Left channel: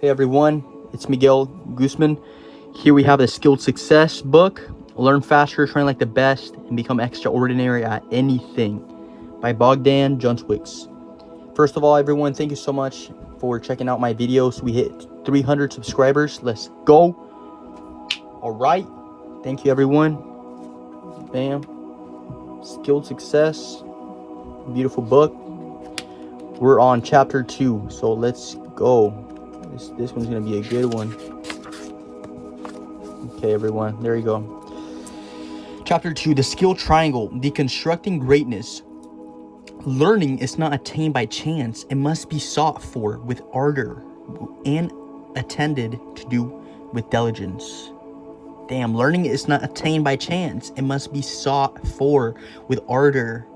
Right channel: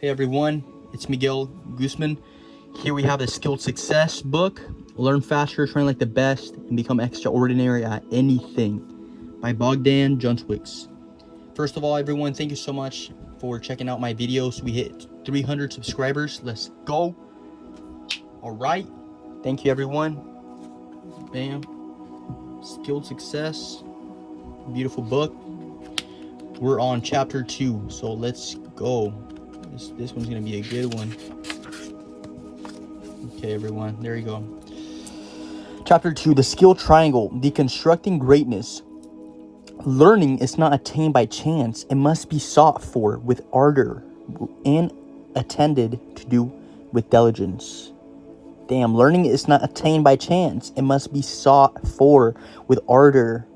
Hey everyone, it's Miguel Guzman. Here we have the Skilled Success book, Learn Faster, Train Like the Best, and Become Extraordinary at Anything by Bogdan Juncwicz. First of all, everyone, thank you so much for checking out my videos. We hit 300 subscribers. Let's go. All right. Thank you, everyone. Bam. Skilled Success. Beautiful book. We're on chapter 2, so let's go. This one's gonna be a good one. Okay, everyone, there you go. Chapter 2, the skill triangle, deconstructing greatness. Learning is not attained by chance. It must be sought for with ardor and attended to do with diligence. Damn, learning is not attained by chance. It must be sought for with ardor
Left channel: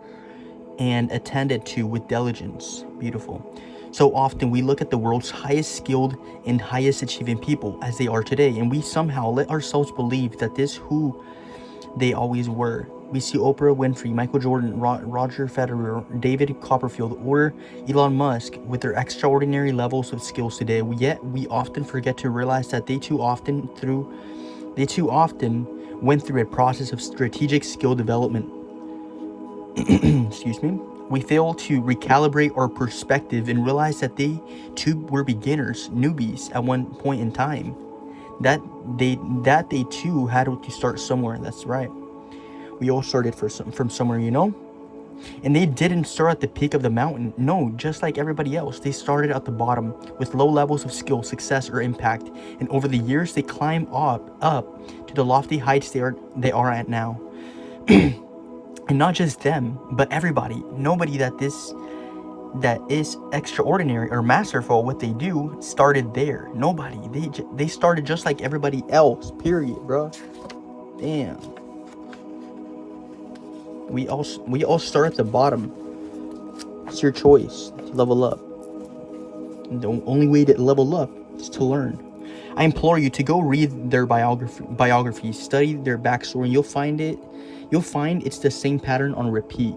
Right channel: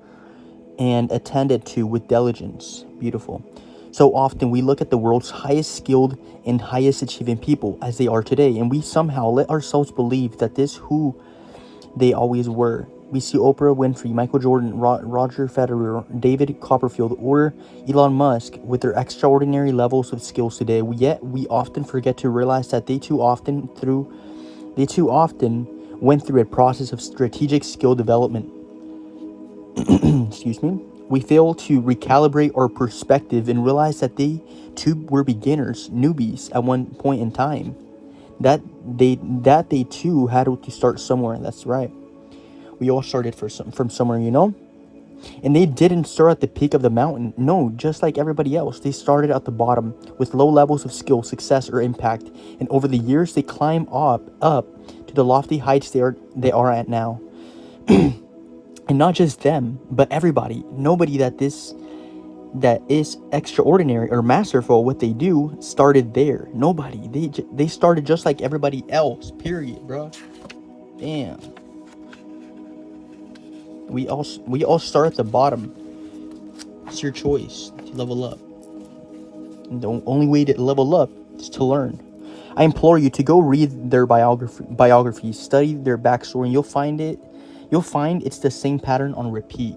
and attended to with diligence. Beautiful. So often we look at the world's highest skilled and highest achieving people as they are today, and we somehow let ourselves believe that this who they always were. We see Oprah Winfrey, Michael Jordan, Roger Federer, David Copperfield, or Elon Musk with their extraordinary levels of skills today. Yet we often forget to realize that they too often went through a process of strategic skill development. Excuse me. We fail to recalibrate our perspective and realize that they too were beginners, newbies at one point in time. That they too had to start somewhere. That's right. We all started from somewhere, you know? And they didn't start at the peak of the mountain. No, just like everybody else, they started at the bottom with low levels of skill, success, or impact. And over the years, they climb up to the lofty heights they are at now. And not just them, but everybody. Nobody that is extraordinary or masterful at what they do started there. Nobody. They started just like everybody else. Period, bro. Damn. We all start at the bottom. It's your choice to level up. And the only way to level up is to learn. I implore you to go read their biographies, study their backstory, and you'll find it's the same pattern on repeat.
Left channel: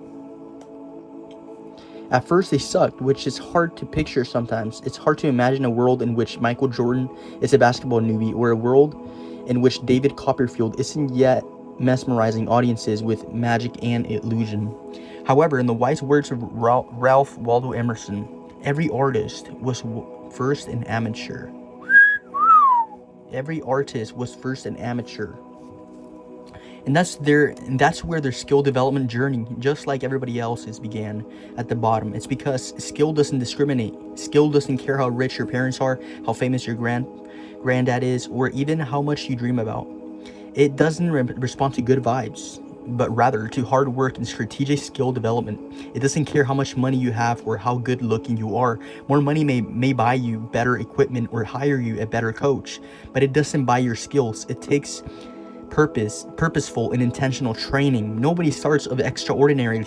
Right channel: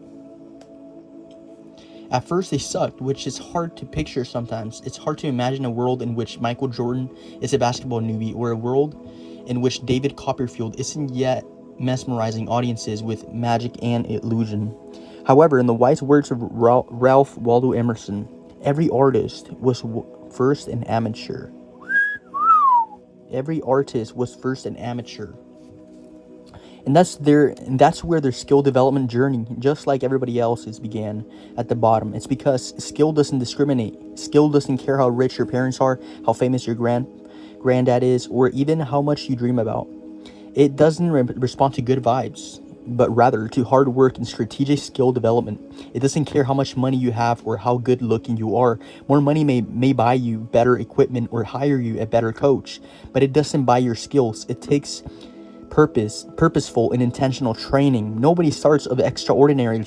At first they sucked, which is hard to picture sometimes. It's hard to imagine a world in which Michael Jordan is a basketball newbie, or a world in which David Copperfield isn't yet mesmerizing audiences with magic and illusion. However, in the wise words of Ralph Waldo Emerson, every artist was first an amateur. Every artist was first an amateur. And that's where their skill development journey, just like everybody else's, began at the bottom. It's because skill doesn't discriminate. Skill doesn't care how rich your parents are, how famous your granddad is, or even how much you dream about. It doesn't respond to good vibes, but rather to hard work and strategic skill development. It doesn't care how much money you have or how good looking you are. More money may buy you better equipment or hire you a better coach, but it doesn't buy your skills. It takes purposeful and intentional training. Nobody starts off extraordinarily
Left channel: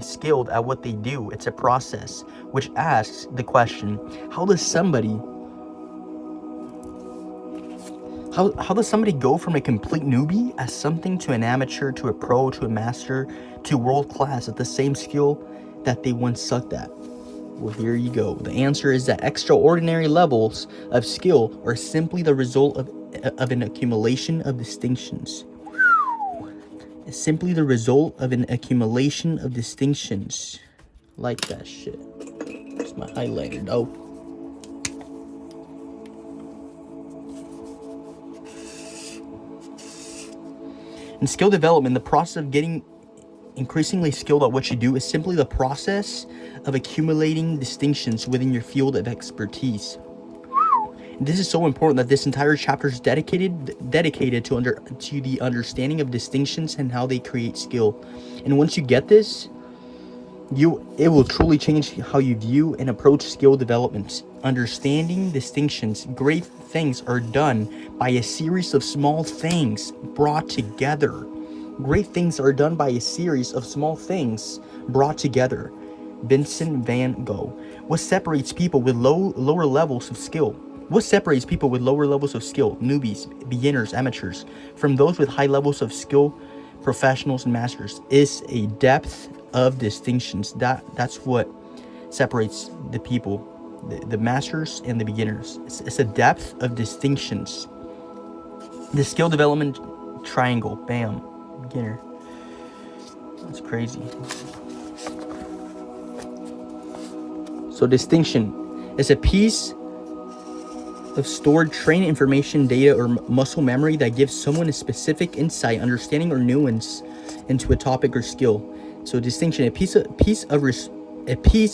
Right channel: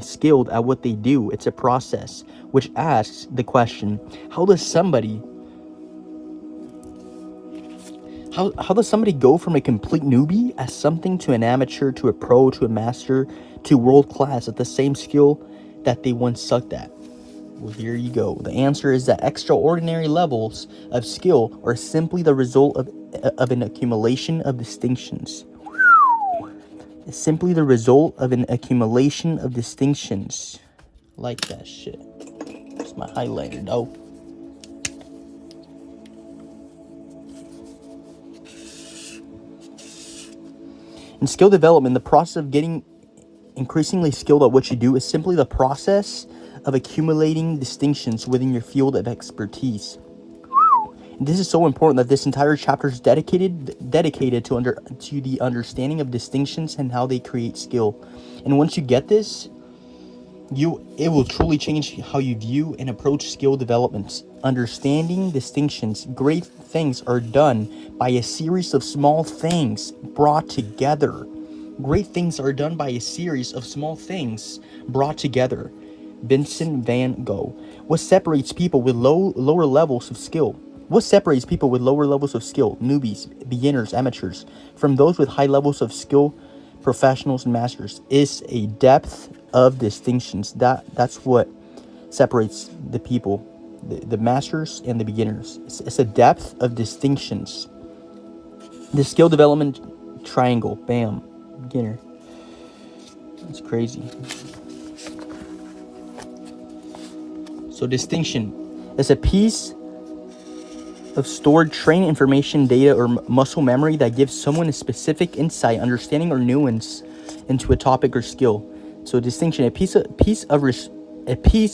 skilled at what they do. It's a process which asks the question, how does somebody go from a complete newbie as something to an amateur, to a pro, to a master, to world class at the same skill that they once sucked at? Well, here you go. The answer is that extraordinary levels of skill are simply the result of an accumulation of distinctions. It's simply the result of an accumulation of distinctions. Like that shit. It's my highlighter, though. In skill development, the process of getting increasingly skilled at what you do is simply the process of accumulating distinctions within your field of expertise. And this is so important that this entire chapter is dedicated to the understanding of distinctions and how they create skill. And once you get this, it will truly change how you view and approach skill development. Understanding distinctions, great things are done by a series of small things brought together. Great things are done by a series of small things brought together. Vincent van Gogh. What separates people with lower levels of skill? What separates people with lower levels of skill, newbies, beginners, amateurs, from those with high levels of skill, professionals, and masters, is a depth of distinctions. That's what separates the people, the masters and the beginners. It's a depth of distinctions. The skill development triangle. Bam. Beginner. That's crazy. So distinction is a piece of stored training information, data, or muscle memory that gives someone a specific insight, understanding, or nuance into a topic or skill. So distinction, a piece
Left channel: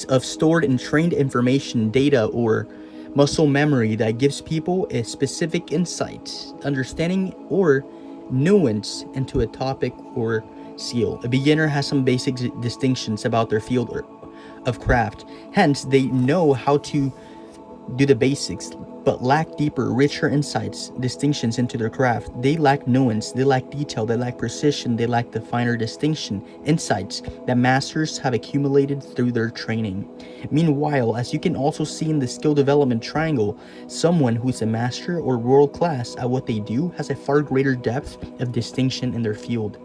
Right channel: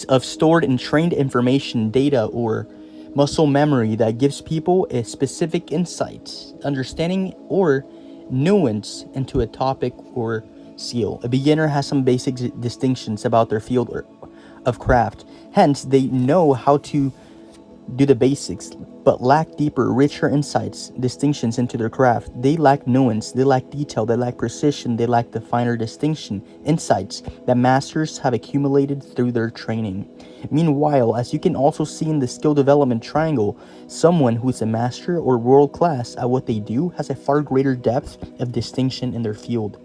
of stored and trained information, data, or muscle memory that gives people a specific insight, understanding, or nuance into a topic or skill. A beginner has some basic distinctions about their field of craft. Hence, they know how to do the basics, but lack deeper, richer insights, distinctions into their craft. They lack nuance, they lack detail, they lack precision, they lack the finer distinction, insights that masters have accumulated through their training. Meanwhile, as you can also see in the skill development triangle, someone who's a master or world class at what they do has a far greater depth of distinction in their field.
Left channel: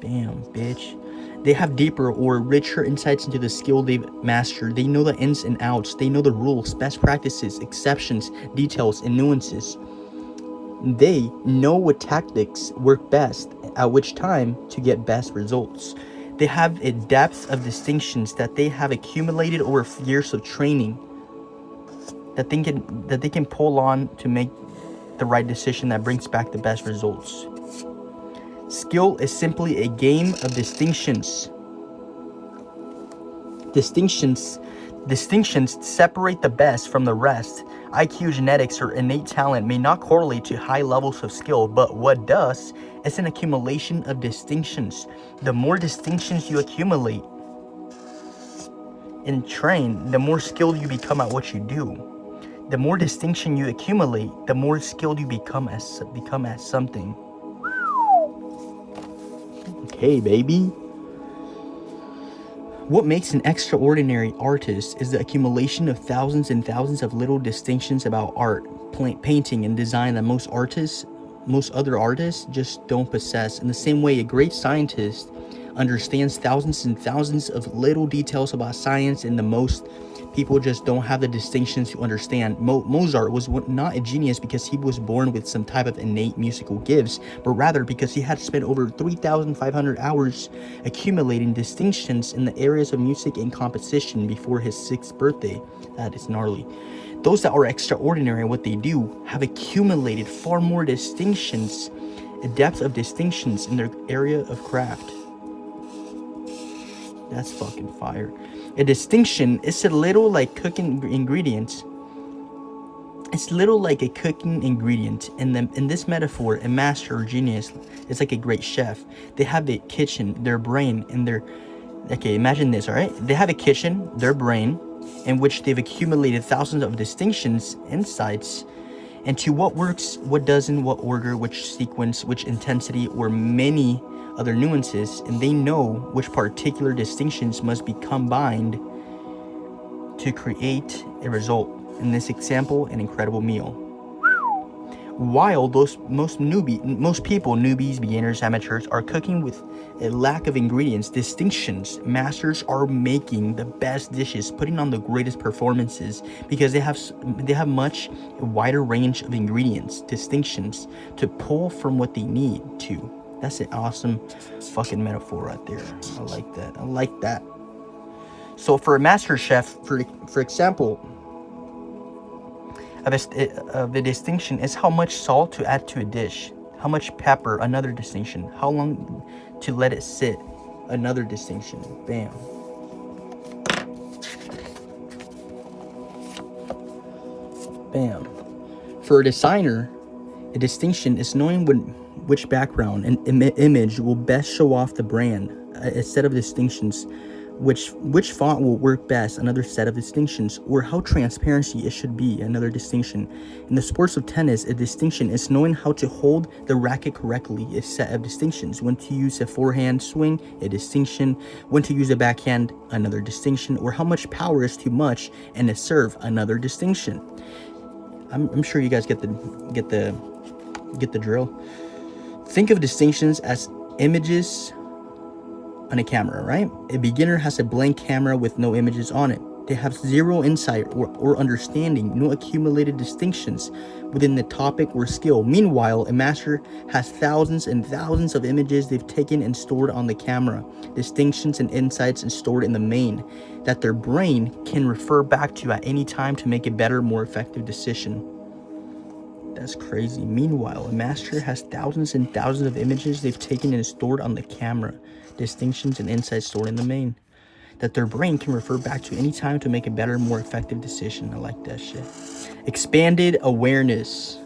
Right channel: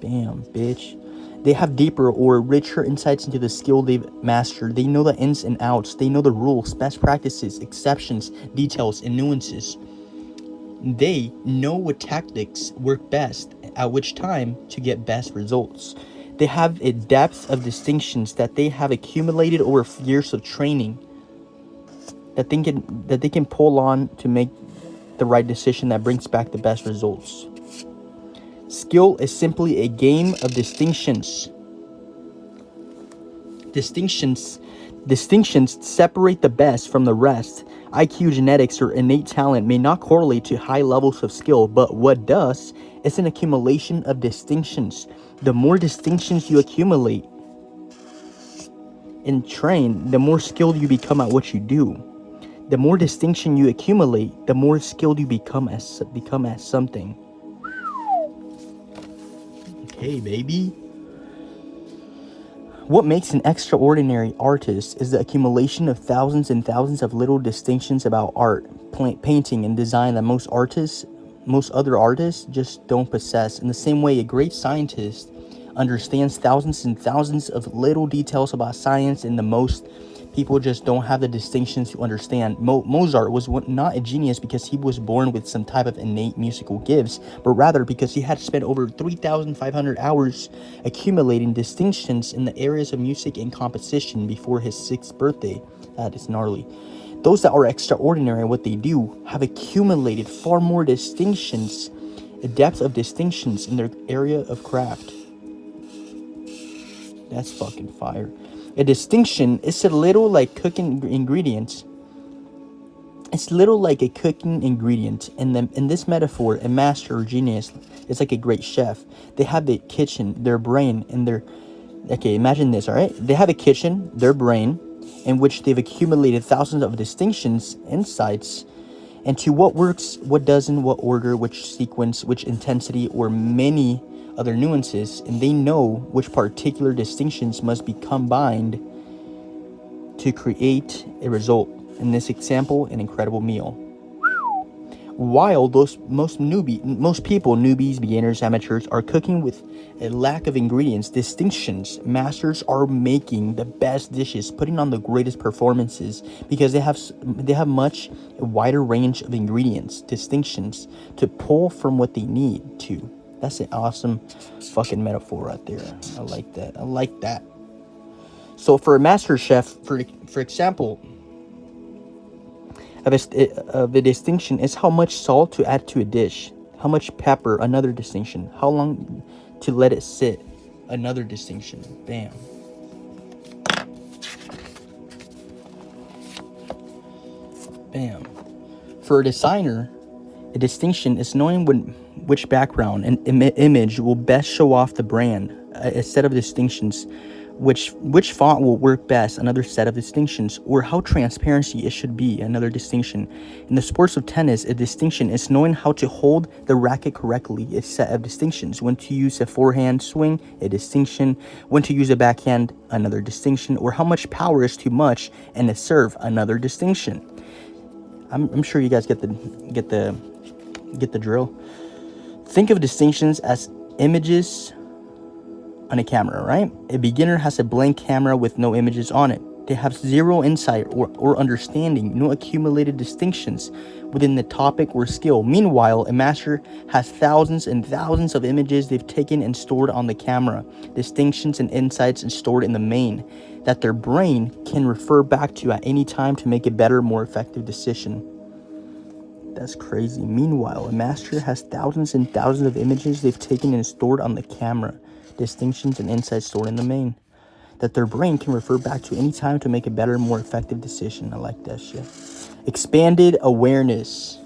Bam, bitch. They have deeper or richer insights into the skill they've mastered. They know the ins and outs. They know the rules, best practices, exceptions, details, and nuances. They know what tactics work best at which time to get best results. They have a depth of distinctions that they have accumulated over years of training that they can pull on to make the right decision that brings back the best results. Skill is simply a game of distinctions. Distinctions separate the best from the rest. IQ, genetics, or innate talent may not correlate to high levels of skill, but what does is an accumulation of distinctions. The more distinctions you accumulate and train, the more skilled you become at what you do. The more distinction you accumulate, the more skilled you become as something. Okay, baby. What makes an extraordinary artist is the accumulation of thousands and thousands of little distinctions about art, painting, and design that most other artists just don't possess. In the same way, a great scientist understands thousands and thousands of little details about science, and the most people just don't have the distinctions to understand. Mozart was not a genius because he was born with some type of innate musical gifts, but rather because he had spent over 3,500 hours accumulating distinctions in the areas of music and composition before his 6th birthday. That is gnarly. Those that are extraordinary at what they do have accumulated far more distinctions, a depth of distinctions in their area of craft. That's fucking fire. A distinction is a little like cooking ingredients. It's little like a cooking ingredient. In this metaphor, a master or genius is like a great chef. They have the kitchen, their brain, and their... Okay, imagine this, alright? They have a kitchen, their brain, in which they've accumulated thousands of distinctions, insights, into what works, what doesn't, what order, which sequence, which intensity, or many other nuances, and they know which particular distinctions must be combined to create a result. In this example, an incredible meal. While most people, newbies, beginners, amateurs, are cooking with a lack of ingredients, distinctions, masters are making the best dishes, putting on the greatest performances because they have much wider range of ingredients, distinctions to pull from what they need to. That's an awesome fucking metaphor right there. I like that. So for a master chef, for example, the distinction is how much salt to add to a dish, how much pepper, another distinction, how long to let it sit, another distinction. Bam. Bam. For a designer, a distinction is knowing which background and image will best show off the brand. A set of distinctions. Which font will work best, another set of distinctions, or how transparency it should be, another distinction. In the sports of tennis, a distinction is knowing how to hold the racket correctly, a set of distinctions. When to use a forehand swing, a distinction. When to use a backhand, another distinction, or how much power is too much in a serve, another distinction. I'm sure you guys get the drill. Think of distinctions as images on a camera, right? A beginner has a blank camera with no images on it. They have zero insight or understanding, no accumulated distinctions within the topic or skill. Meanwhile, a master has thousands and thousands of images they've taken and stored on the camera, distinctions and insights and stored in the main, that their brain can refer back to at any time to make a better, more effective decision. That's crazy. Meanwhile, a master has thousands and thousands of images they've taken and stored on the camera, distinctions and insights stored in the main, that their brain can refer back to any time to make a better, more effective decision. I like that shit. Expanded awareness.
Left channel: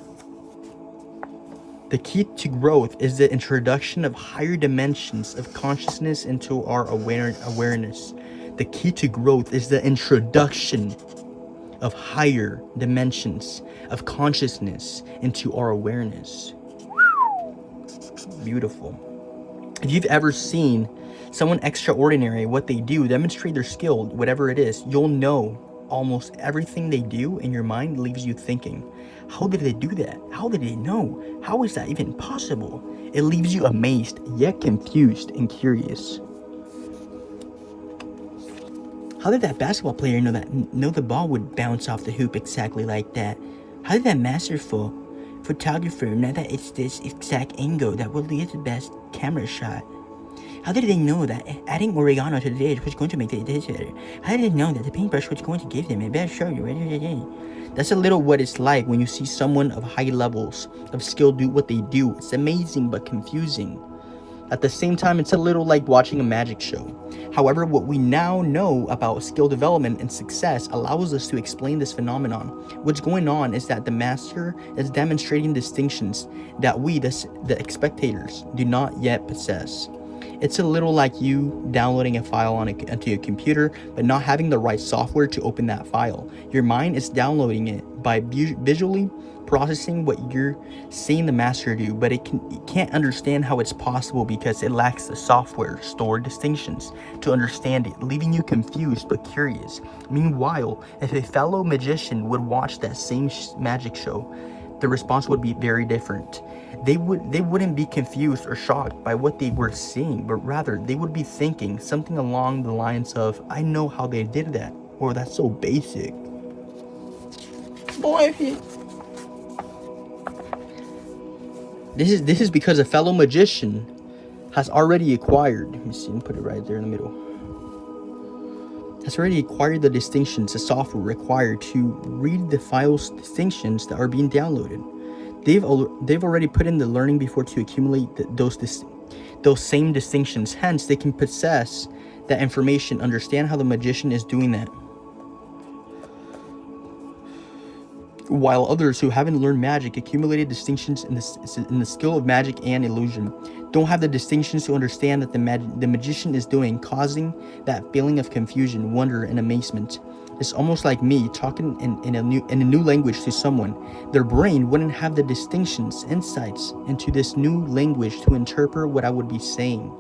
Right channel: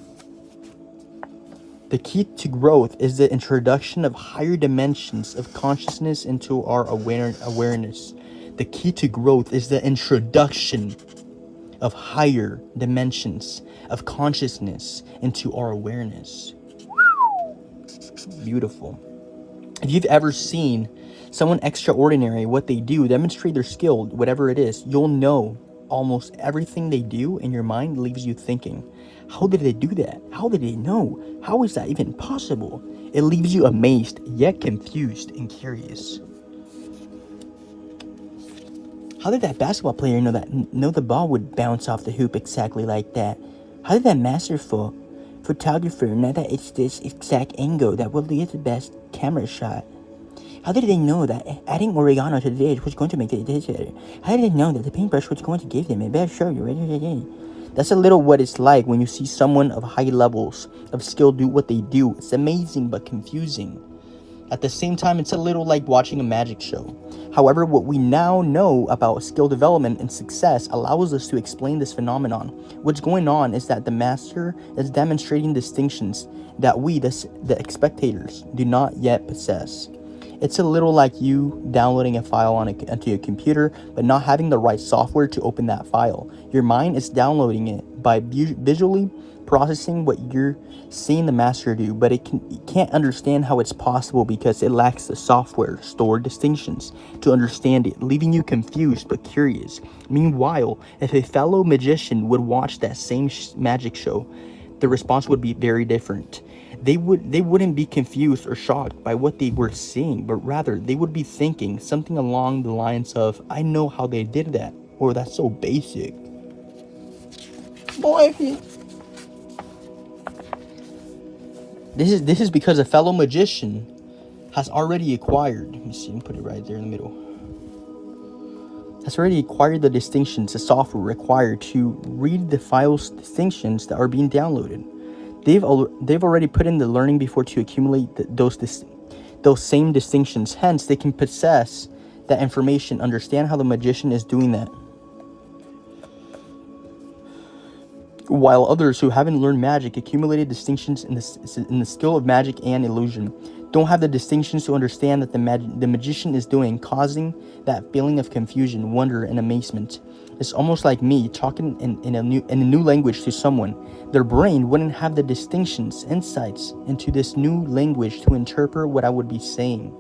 The key to growth is the introduction of higher dimensions of consciousness into our awareness. The key to growth is the introduction of higher dimensions of consciousness into our awareness. Beautiful. If you've ever seen someone extraordinary, what they do, demonstrate their skill, whatever it is, you'll know almost everything they do in your mind leaves you thinking, how did they do that? How did they know? How is that even possible? It leaves you amazed, yet confused and curious. How did that basketball player know the ball would bounce off the hoop exactly like that? How did that masterful photographer know that it's this exact angle that will lead to the best camera shot? How did they know that adding oregano to the dish was going to make the dish better? How did they know that the paintbrush was going to give them a better show? That's a little what it's like when you see someone of high levels of skill do what they do. It's amazing but confusing. At the same time, it's a little like watching a magic show. However, what we now know about skill development and success allows us to explain this phenomenon. What's going on is that the master is demonstrating distinctions that we, the spectators, do not yet possess. It's a little like you downloading a file onto your computer, but not having the right software to open that file. Your mind is downloading it by visually processing what you're seeing the master do, but it can't understand how it's possible because it lacks the software stored distinctions to understand it, leaving you confused but curious. Meanwhile, if a fellow magician would watch that same magic show, the response would be very different. They wouldn't be confused or shocked by what they were seeing, but rather they would be thinking something along the lines of, I know how they did that, or that's so basic. Boy. This is because a fellow magician has already acquired, let me see, I'm put it right there in the middle, has already acquired the distinctions, the software required to read the file's distinctions that are being downloaded. They've already put in the learning before to accumulate those same distinctions. Hence, they can possess that information, understand how the magician is doing that. While others who haven't learned magic accumulated distinctions in the skill of magic and illusion, don't have the distinctions to understand that the magician is doing, causing that feeling of confusion, wonder, and amazement. It's almost like me talking in a new language to someone. Their brain wouldn't have the distinctions, insights into this new language to interpret what I would be saying.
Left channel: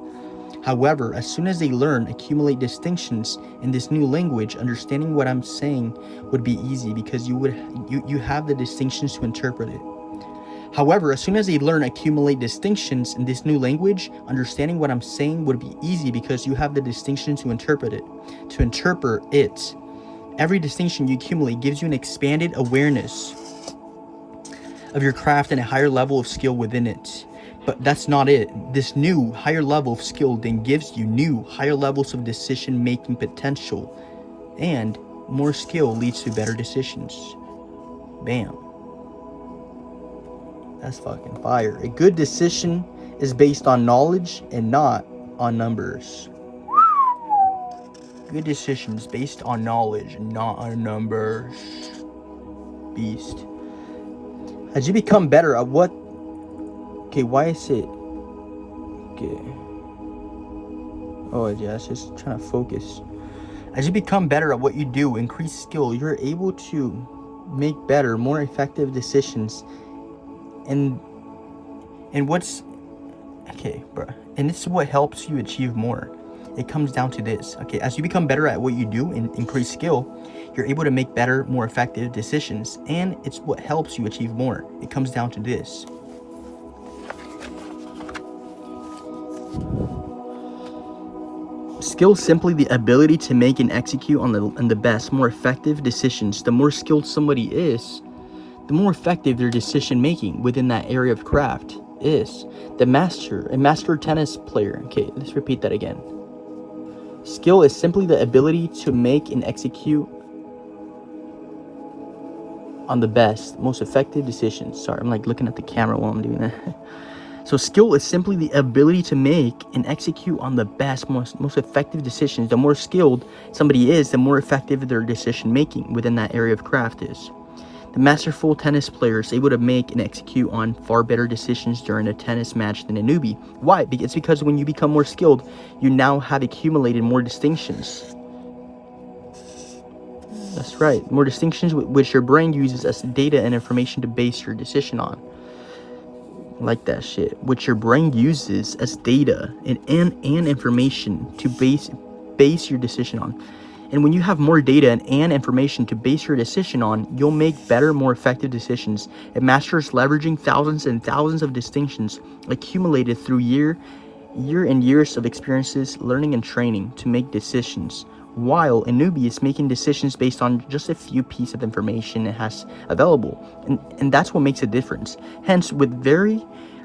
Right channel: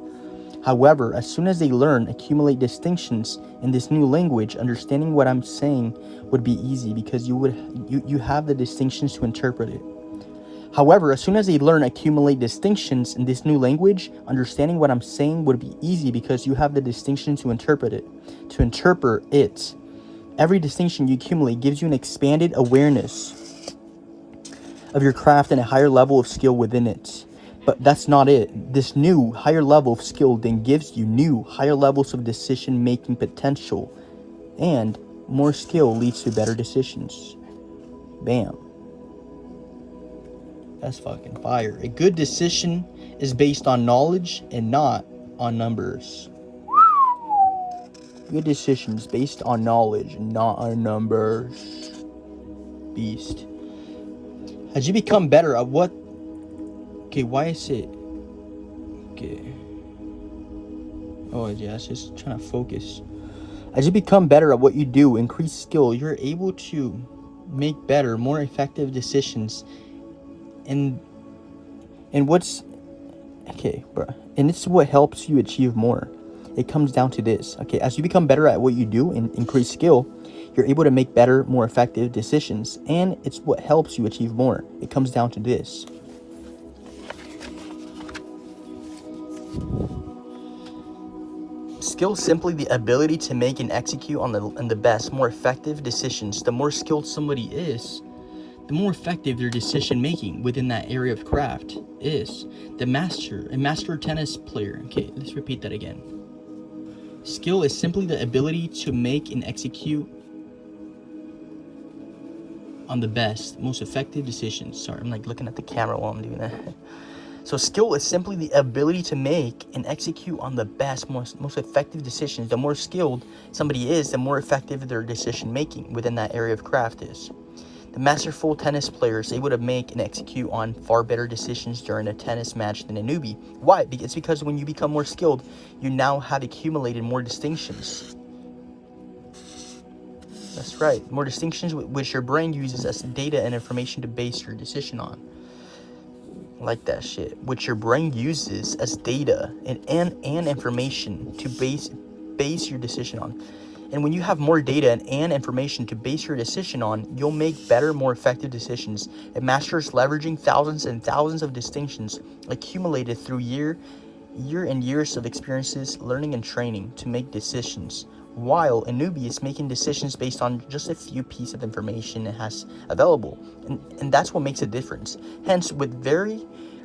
However, as soon as they accumulate distinctions in this new language, understanding what I'm saying would be easy because you have the distinctions to interpret it. However, as soon as they accumulate distinctions in this new language, understanding what I'm saying would be easy because you have the distinction to interpret it. To interpret it. Every distinction you accumulate gives you an expanded awareness of your craft and a higher level of skill within it. But that's not it. This new higher level of skill then gives you new higher levels of decision-making potential. And more skill leads to better decisions. Bam. That's fucking fire. A good decision is based on knowledge and not on numbers. Good decisions based on knowledge and not on numbers. Beast. As you become better at what... Okay, why is it... Okay. Oh, yeah, it's just trying to focus. As you become better at what you do, increase skill, you're able to make better, more effective decisions. And what's... Okay, bro. And this is what helps you achieve more. It comes down to this. Okay, as you become better at what you do and increase skill, you're able to make better, more effective decisions. And it's what helps you achieve more. It comes down to this. Skill is simply the ability to make and execute on the best, more effective decisions. The more skilled somebody is, the more effective their decision making within that area of craft is. A master tennis player. Okay, let's repeat that again. Skill is simply the ability to make and execute on the best, most effective decisions. Sorry, I'm like looking at the camera while I'm doing that. So skill is simply the ability to make and execute on the best, most effective decisions. The more skilled somebody is, the more effective their decision making within that area of craft is. The masterful tennis player is able to make and execute on far better decisions during a tennis match than a newbie. Why? It's because when you become more skilled, you now have accumulated more distinctions. That's right, more distinctions which your brain uses as data and information to base your decision on. Like that shit, which your brain uses as data and information to base your decision on. And when you have more data and information to base your decision on, you'll make better, more effective decisions. It masters leveraging thousands and thousands of distinctions accumulated through year and years of experiences, learning and training to make decisions, while a newbie is making decisions based on just a few pieces of information it has available. And that's what makes a difference. Hence, with very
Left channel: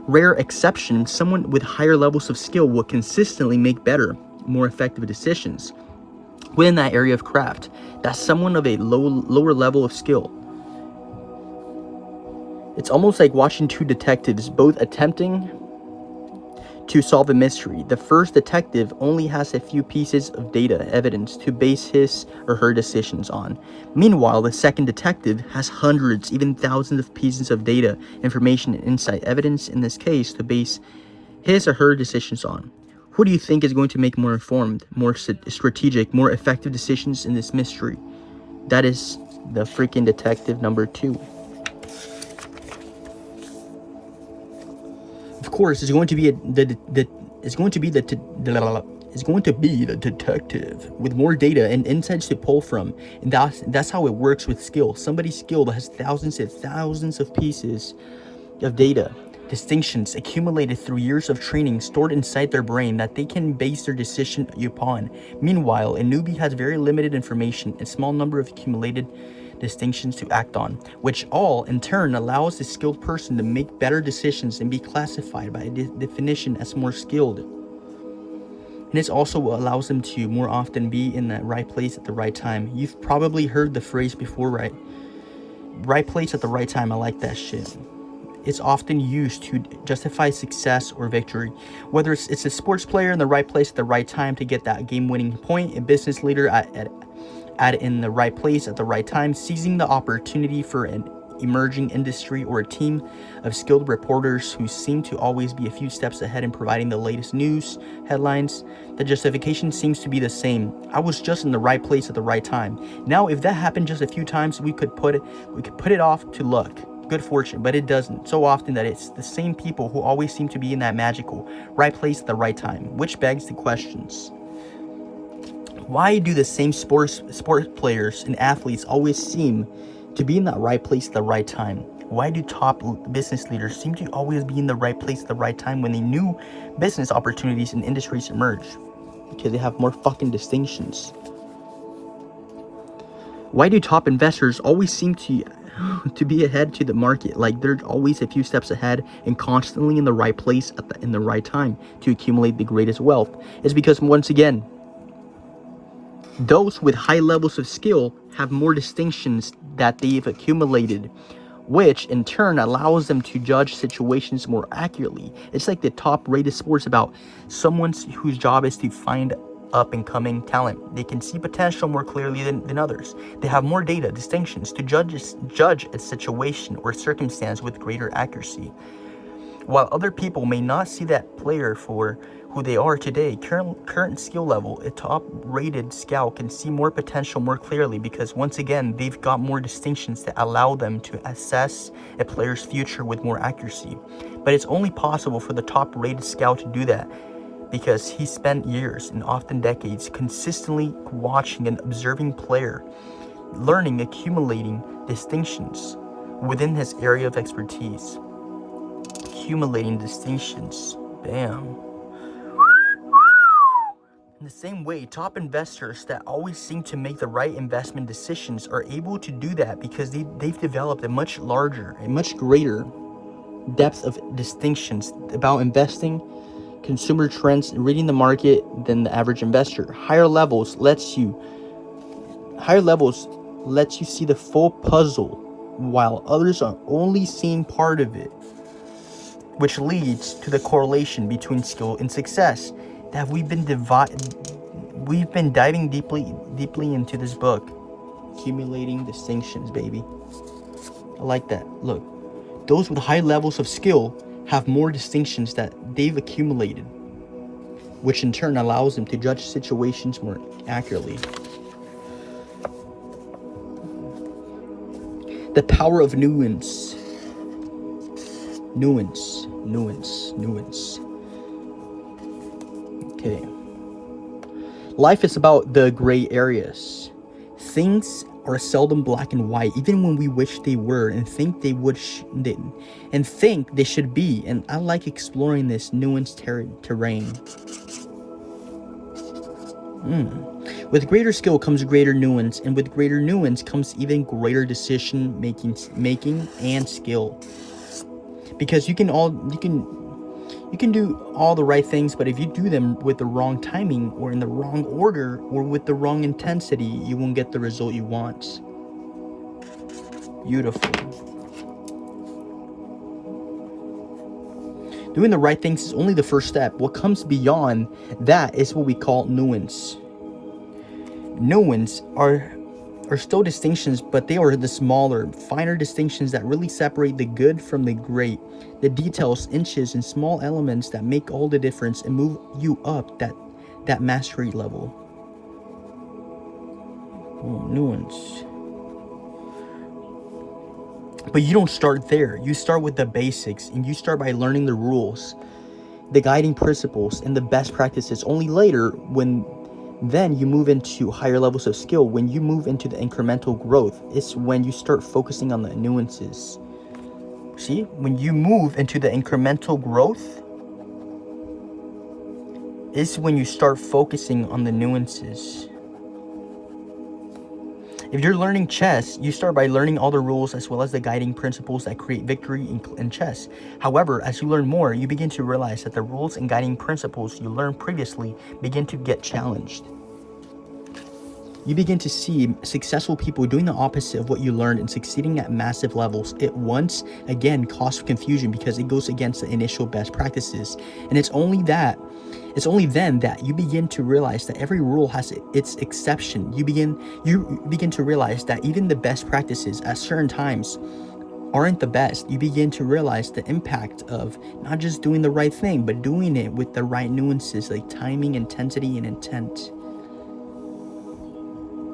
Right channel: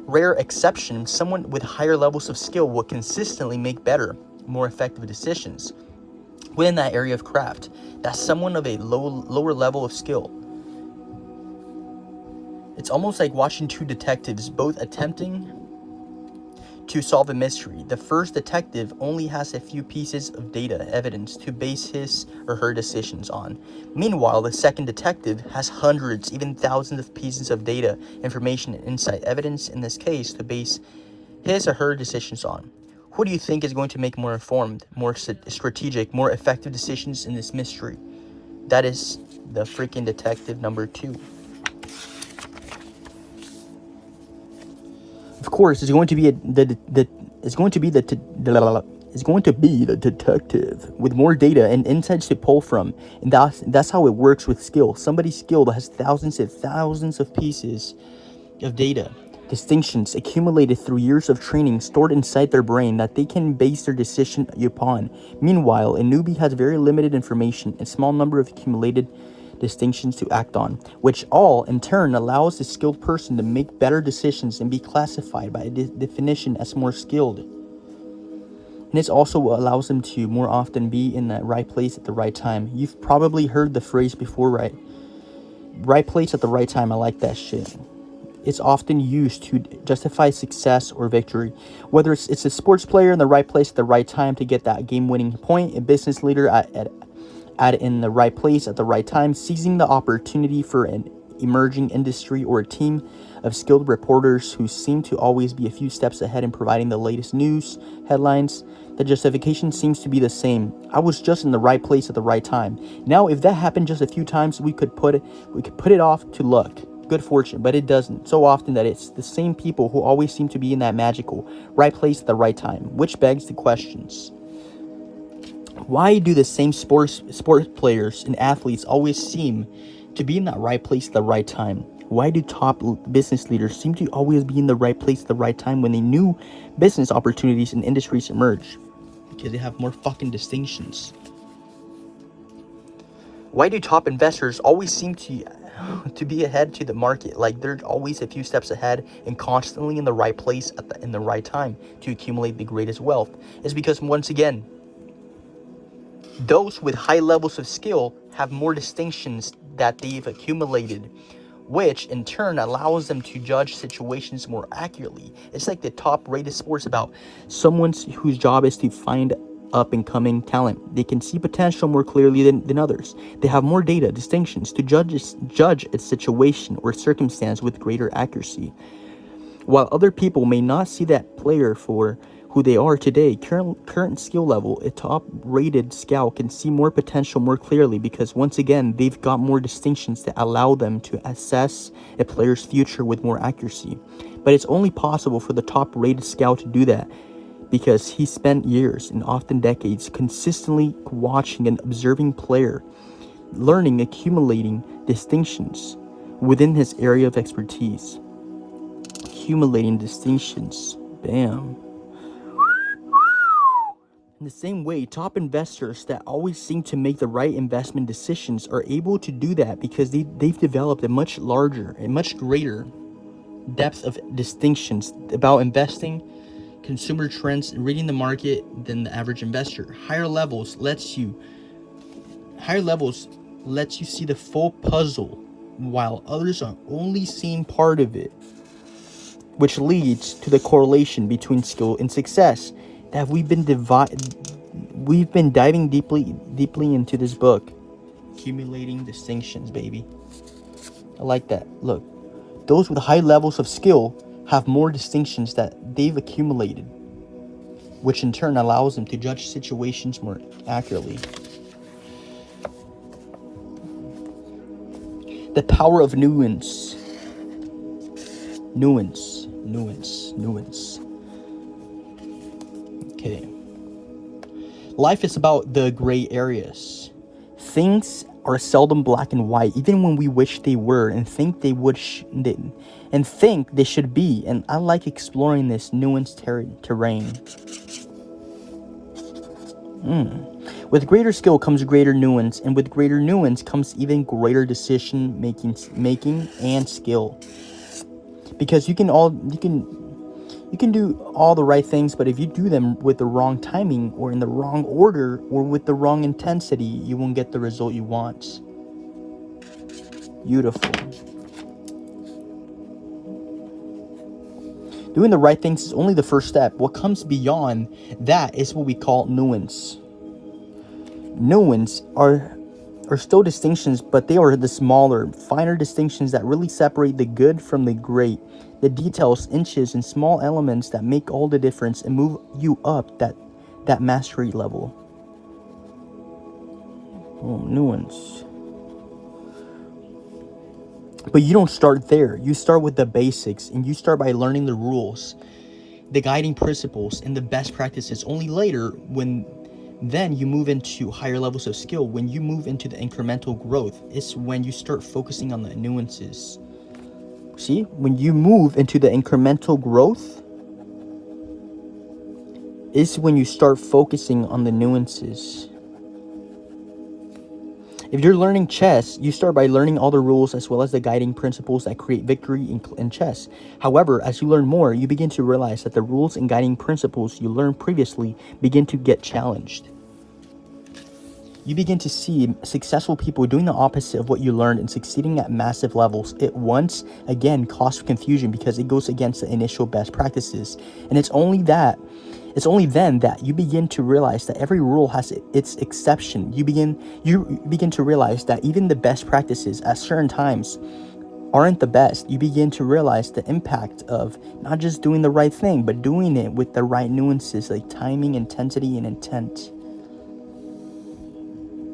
rare exception, someone with higher levels of skill will consistently make better, more effective decisions within that area of craft. That's someone of a lower level of skill. It's almost like watching two detectives both attempting to solve a mystery. The first detective only has a few pieces of data evidence to base his or her decisions on. Meanwhile, the second detective has hundreds, even thousands of pieces of data, information, and insight evidence in this case to base his or her decisions on. Who do you think is going to make more informed, more strategic, more effective decisions in this mystery? That is the freaking detective number 2. Of course, it's going to be the detective with more data and insights to pull from, and that's how it works with skill. Somebody skilled has thousands and thousands of pieces of data, distinctions accumulated through years of training stored inside their brain that they can base their decision upon. Meanwhile, a newbie has very limited information and small number of accumulated distinctions to act on, which all in turn allows the skilled person to make better decisions and be classified by definition as more skilled. And this also allows them to more often be in that right place at the right time. You've probably heard the phrase before, right place at the right time. I like that shit. It's often used to justify success or victory. Whether it's a sports player in the right place at the right time to get that game-winning point, a business leader in the right place at the right time, seizing the opportunity for an emerging industry, or a team of skilled reporters who seem to always be a few steps ahead in providing the latest news headlines. The justification seems to be the same. I was just in the right place at the right time. Now, if that happened just a few times, we could put it off to luck, good fortune, but it doesn't. So often that it's the same people who always seem to be in that magical right place at the right time, which begs the questions. Why do the same sport players and athletes always seem to be in that right place at the right time? Why do top business leaders seem to always be in the right place at the right time when the new business opportunities and industries emerge? Because they have more fucking distinctions. Why do top investors always seem to be ahead to the market? Like they're always a few steps ahead and constantly in the right place in the right time to accumulate the greatest wealth. It's because, once again, those with high levels of skill have more distinctions that they've accumulated, which in turn allows them to judge situations more accurately. It's like the top-rated sports about someone whose job is to find up-and-coming talent. They can see potential more clearly than others. They have more data, distinctions to judge a situation or circumstance with greater accuracy. While other people may not see that player for who they are today, current skill level, a top-rated scout can see more potential more clearly because, once again, they've got more distinctions that allow them to assess a player's future with more accuracy. But it's only possible for the top-rated scout to do that because he spent years and often decades consistently watching and observing player, learning, accumulating distinctions within his area of expertise. Accumulating distinctions. Damn. In the same way, top investors that always seem to make the right investment decisions are able to do that because they've developed a much larger, a much greater depth of distinctions about investing, consumer trends, and reading the market than the average investor. Higher levels lets you see the full puzzle, while others are only seeing part of it, which leads to the correlation between skill and success that we've been diving deeply into this book. Accumulating distinctions, baby. I like that. Look, those with high levels of skill have more distinctions that they've accumulated, which in turn allows them to judge situations more accurately. The power of nuance. Okay. Life is about the gray areas. Things are seldom black and white, even when we wish they were and think they think they should be. And I like exploring this nuanced terrain. With greater skill comes greater nuance, and with greater nuance comes even greater decision making and skill. Because you can do all the right things, but if you do them with the wrong timing or in the wrong order or with the wrong intensity, you won't get the result you want. Beautiful. Doing the right things is only the first step. What comes beyond that is what we call nuance. Nuance are still distinctions, but they are the smaller, finer distinctions that really separate the good from the great. The details, inches, and small elements that make all the difference and move you up that mastery level. Nuance. But you don't start there. You start with the basics, and you start by learning the rules, the guiding principles, and the best practices. Only later, then you move into higher levels of skill. When you move into the incremental growth, it's when you start focusing on the nuances. See, when you move into the incremental growth, is when you start focusing on the nuances. If you're learning chess, you start by learning all the rules as well as the guiding principles that create victory in chess. However, as you learn more, you begin to realize that the rules and guiding principles you learned previously begin to get challenged. You begin to see successful people doing the opposite of what you learned and succeeding at massive levels. It once again causes confusion because it goes against the initial best practices. And it's only then that you begin to realize that every rule has its exception. You begin to realize that even the best practices at certain times aren't the best. You begin to realize the impact of not just doing the right thing, but doing it with the right nuances like timing, intensity, and intent.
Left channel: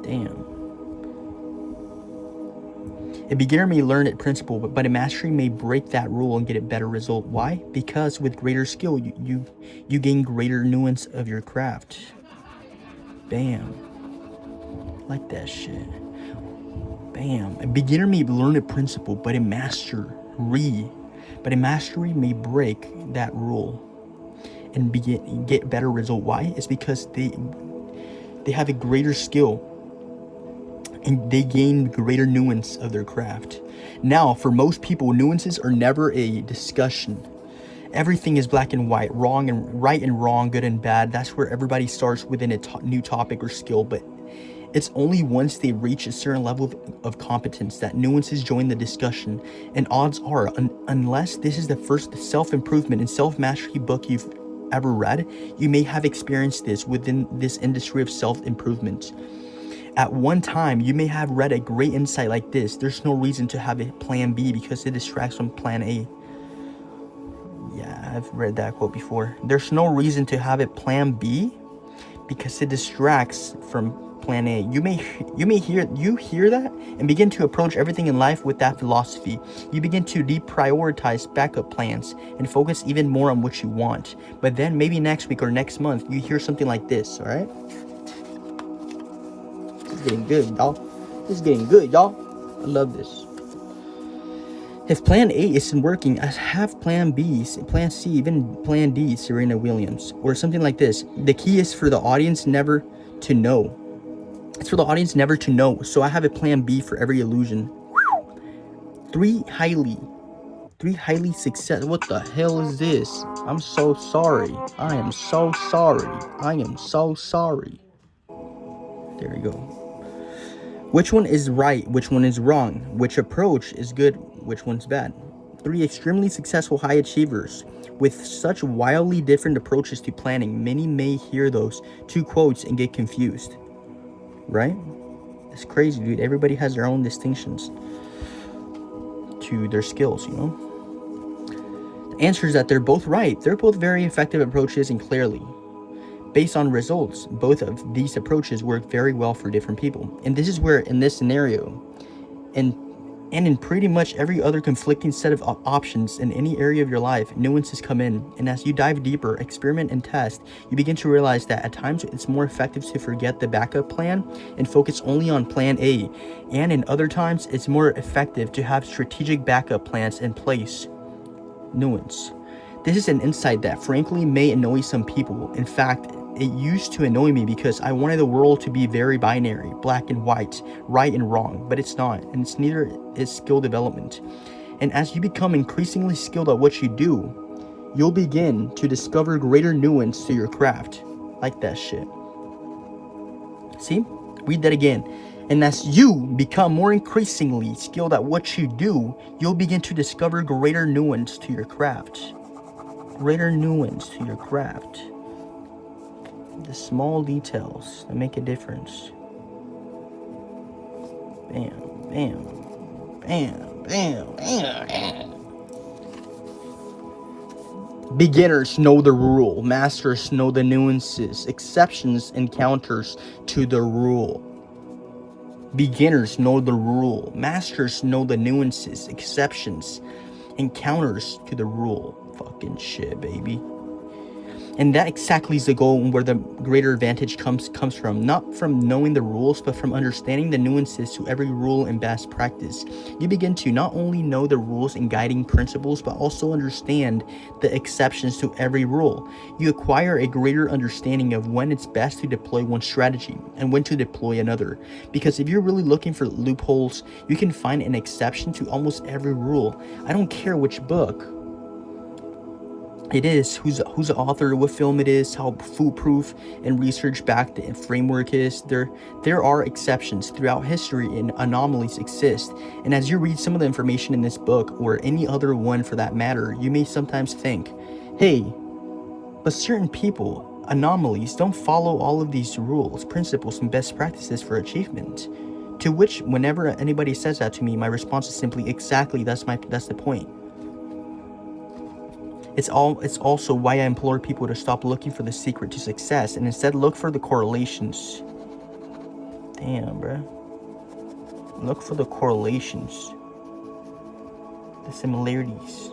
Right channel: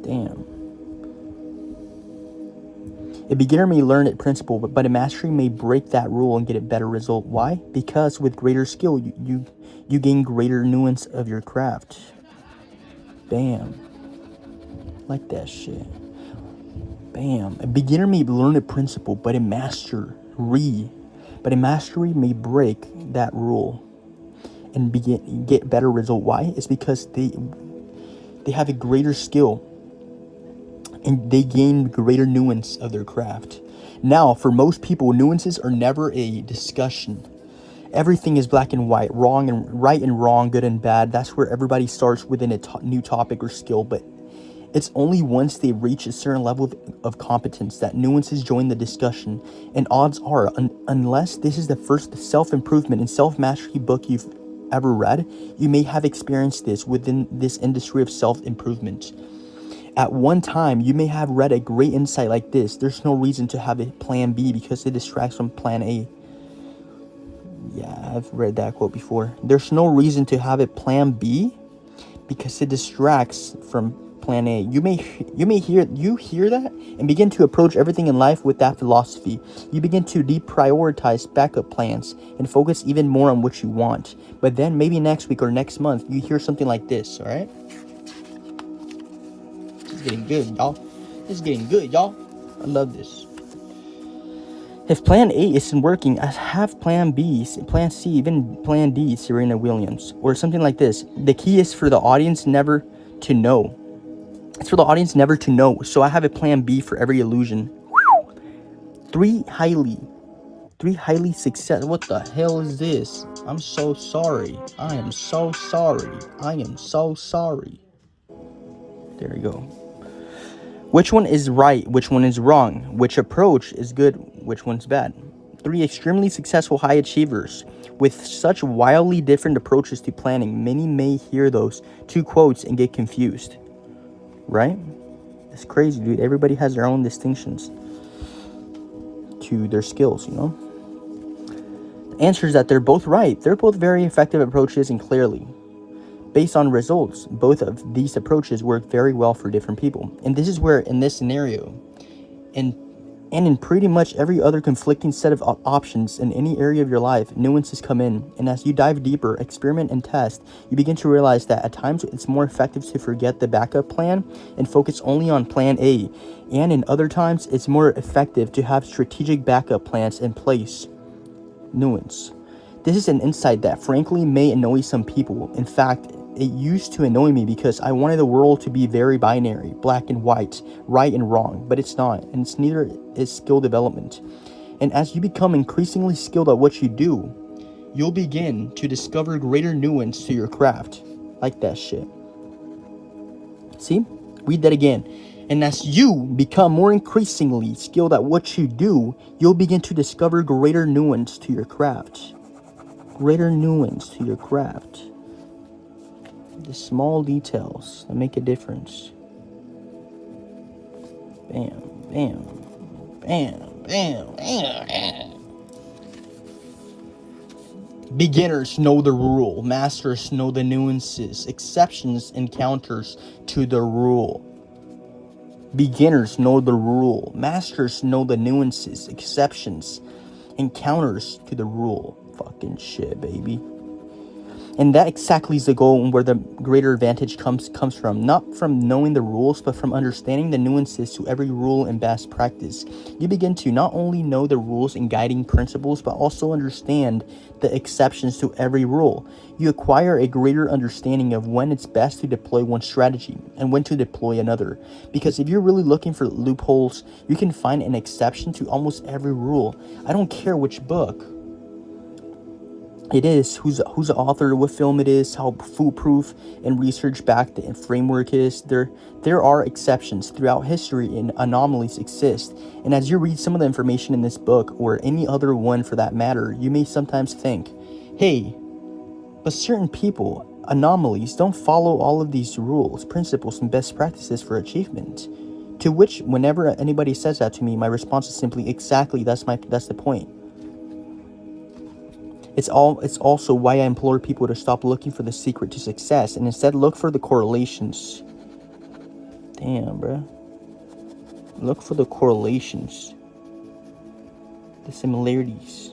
Damn. A beginner may learn a principle, but a mastery may break that rule and get a better result. Why? Because with greater skill, you gain greater nuance of your craft. Bam. Like that shit. Bam. A beginner may learn a principle, but a mastery may break that rule and get better result. Why? It's because they have a greater skill and they gain greater nuance of their craft. Now, for most people, nuances are never a discussion. Everything is black and white, wrong and right and wrong, good and bad. That's where everybody starts within a new topic or skill. But it's only once they reach a certain level of competence that nuances join the discussion. And odds are, unless this is the first self-improvement and self-mastery book you've ever read, you may have experienced this within this industry of self-improvement. At one time, you may have read a great insight like this: there's no reason to have a plan B because it distracts from plan A. Yeah, I've read that quote before. There's no reason to have a plan B because it distracts from plan A. You hear that and begin to approach everything in life with that philosophy. You begin to deprioritize backup plans and focus even more on what you want. But then maybe next week or next month, you hear something like this, all right? This is getting good, y'all. I love this. If plan A isn't working, I have plan B, plan C, even plan D, Serena Williams, or something like this. The key is for the audience never to know. It's for the audience never to know. So I have a plan B for every illusion. Three highly successful. What the hell is this? I'm so sorry. I am so sorry. I am so sorry. There you go. Which one is right? Which one is wrong? Which approach is good? Which one's bad? 3 extremely successful high achievers with such wildly different approaches to planning. Many may hear those 2 quotes and get confused. Right? It's crazy, dude. Everybody has their own distinctions to their skills, you know? The answer is that they're both right. They're both very effective approaches, and clearly, based on results, both of these approaches work very well for different people. And this is where, in this scenario, and in pretty much every other conflicting set of options in any area of your life, nuances come in. And as you dive deeper, experiment and test, you begin to realize that at times it's more effective to forget the backup plan and focus only on plan A. And in other times, it's more effective to have strategic backup plans in place. Nuance. This is an insight that frankly may annoy some people. In fact, it used to annoy me because I wanted the world to be very binary, black and white, right and wrong, but it's not, and it's neither is skill development. And as you become increasingly skilled at what you do, you'll begin to discover greater nuance to your craft. Like that shit. See? Read that again. And as you become more increasingly skilled at what you do, you'll begin to discover greater nuance to your craft. Greater nuance to your craft. The small details that make a difference. Bam, bam, bam, bam, bam. Beginners know the rule. Masters know the nuances, exceptions, and counters to the rule. Beginners know the rule. Masters know the nuances, exceptions, and counters to the rule. Fucking shit, baby. And that exactly is the goal, and where the greater advantage comes from. Not from knowing the rules, but from understanding the nuances to every rule and best practice. You begin to not only know the rules and guiding principles, but also understand the exceptions to every rule. You acquire a greater understanding of when it's best to deploy one strategy and when to deploy another. Because if you're really looking for loopholes, you can find an exception to almost every rule. I don't care which book it is, who's the author, what film it is, how foolproof and research backed the framework is. There are exceptions throughout history, and anomalies exist. And as you read some of the information in this book, or any other one for that matter, you may sometimes think, hey, but certain people, anomalies, don't follow all of these rules, principles, and best practices for achievement. To which, whenever anybody says that to me, my response is simply, exactly, that's the point. It's also why I implore people to stop looking for the secret to success and instead look for the correlations. Damn, bro. Look for the correlations. The similarities.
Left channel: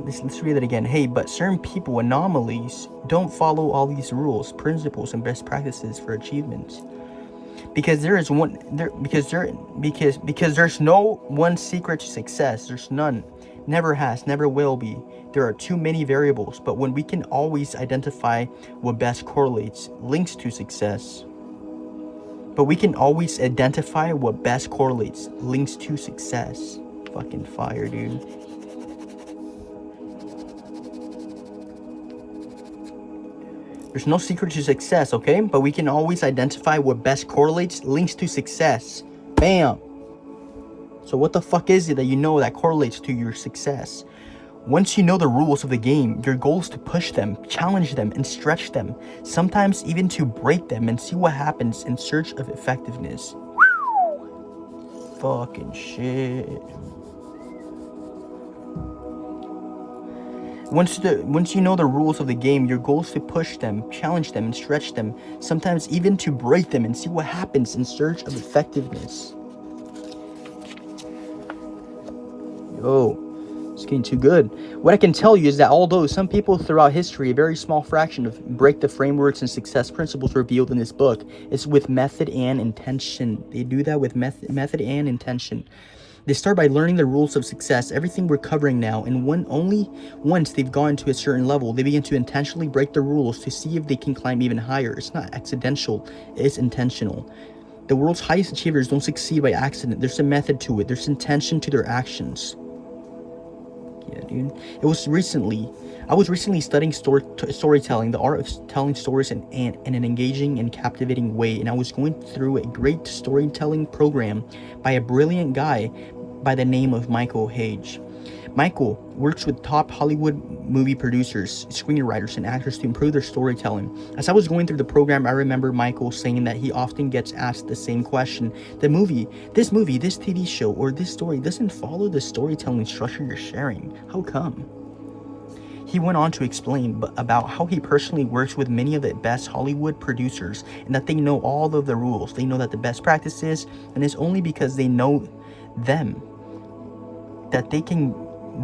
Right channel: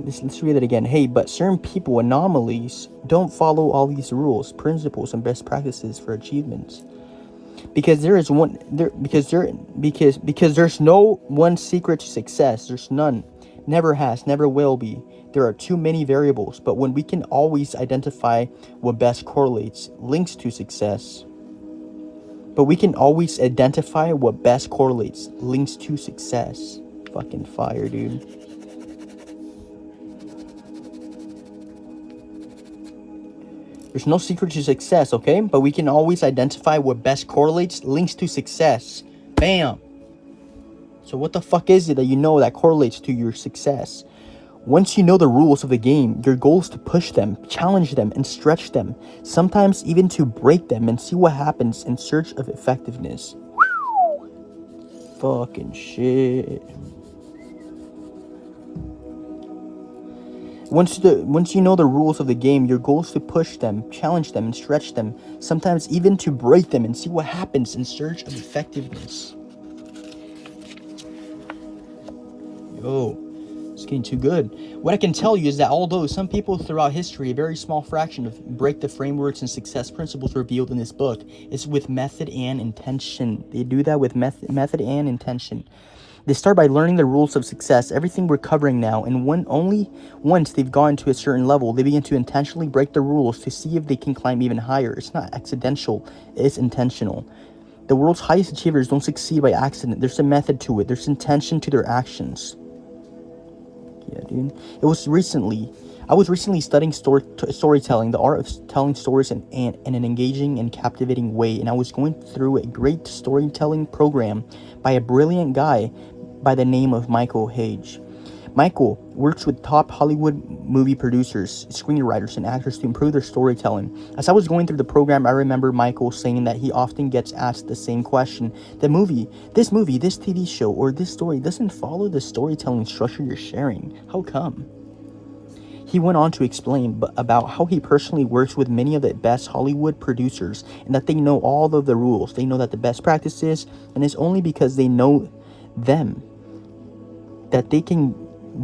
Let's read it again. Hey, but certain people, anomalies, don't follow all these rules, principles, and best practices for achievement. Because there's no one secret to success. There's none. Never has, never will be. There are too many variables, but when we can always identify what best correlates, links to success. Fucking fire, dude. There's no secret to success, okay? But we can always identify what best correlates, links to success. Bam! So what the fuck is it that you know that correlates to your success? Once you know the rules of the game, your goal is to push them, challenge them, and stretch them. Sometimes even to break them and see what happens in search of effectiveness. Fucking shit. Once you know the rules of the game, your goal is to push them, challenge them, and stretch them. Sometimes even to break them and see what happens in search of effectiveness. Yo, it's getting too good. What I can tell you is that although some people throughout history, a very small fraction of break the frameworks and success principles revealed in this book, it's with method and intention. They do that with method and intention. They start by learning the rules of success, everything we're covering now, and only once they've gotten to a certain level, they begin to intentionally break the rules to see if they can climb even higher. It's not accidental, it's intentional. The world's highest achievers don't succeed by accident. There's a method to it. There's intention to their actions. Yeah, dude. I was recently studying storytelling, the art of telling stories in an engaging and captivating way, and I was going through a great storytelling program by a brilliant guy by the name of Michael Hage. Michael works with top Hollywood movie producers, screenwriters, and actors to improve their storytelling. As I was going through the program, I remember Michael saying that he often gets asked the same question. This movie, this TV show, or this story doesn't follow the storytelling structure you're sharing. How come? He went on to explain about how he personally works with many of the best Hollywood producers and that they know all of the rules. They know that the best practices, and it's only because they know them that they can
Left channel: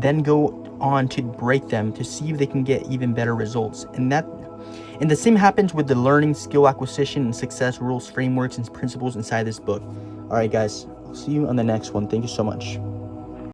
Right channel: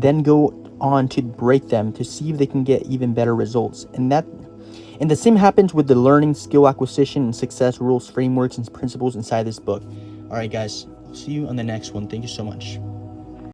then go on to break them to see if they can get even better results. And the same happens with the learning, skill acquisition, and success rules, frameworks, and principles inside this book. All right, guys, I'll see you on the next one. Thank you so much.